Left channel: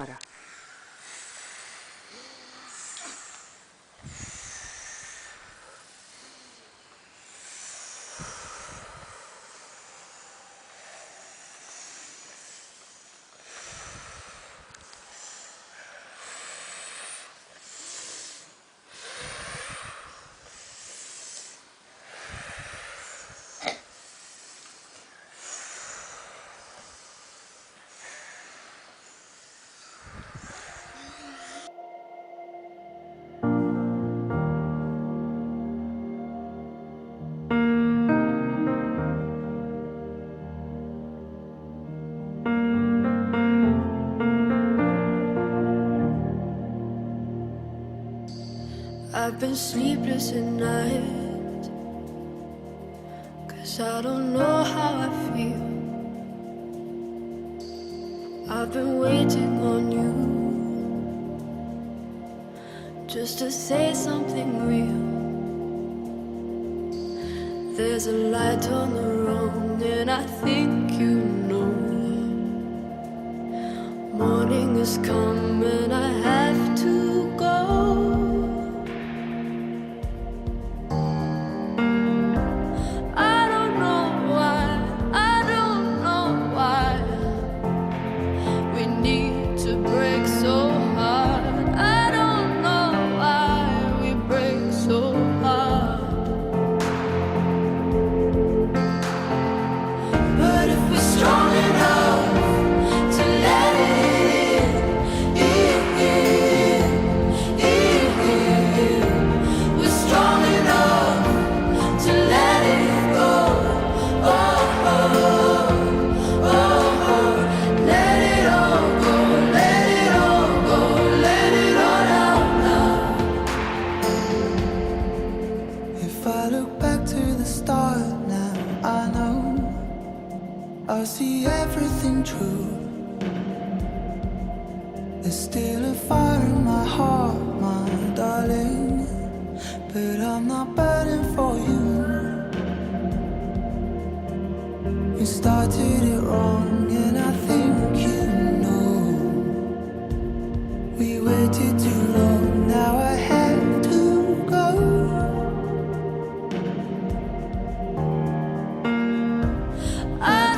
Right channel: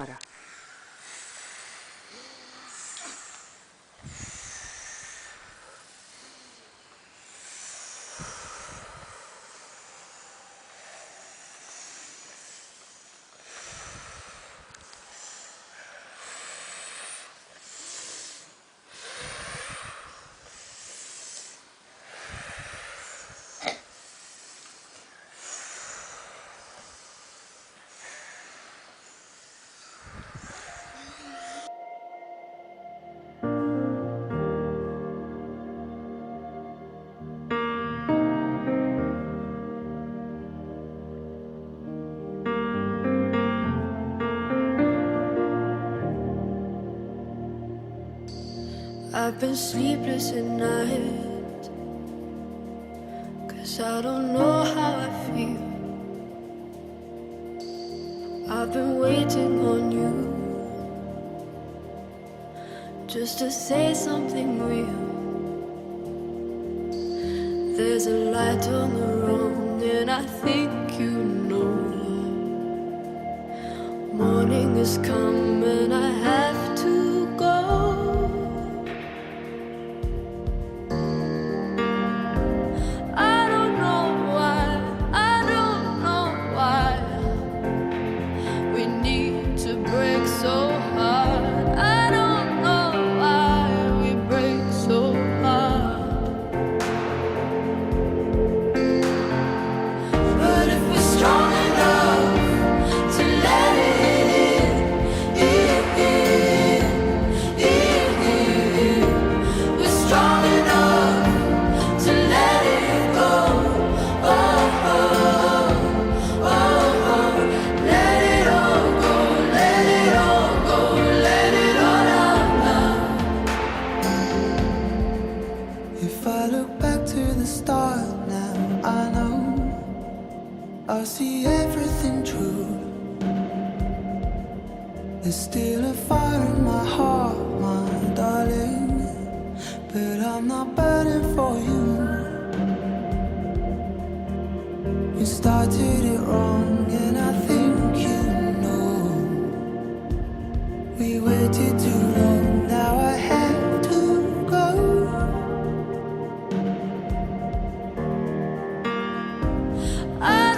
Ahora. I've been sleepless at night, 'cause I don't know how I feel. I've been waiting on you, just to say something real. There's a light on the road, and I think you know. Morning has come and I have to go. Break so hard. I don't know why we break so hard. But if we're strong enough to let it in, we're strong enough to let it go. Oh, oh, oh, oh. Let it all go. If I look back to the start now, I know I'll see everything true. There's still a fire in my heart, my darling, but I'm not burning for you. You started it wrong, and I think you know. We waited too long, now I have to go. I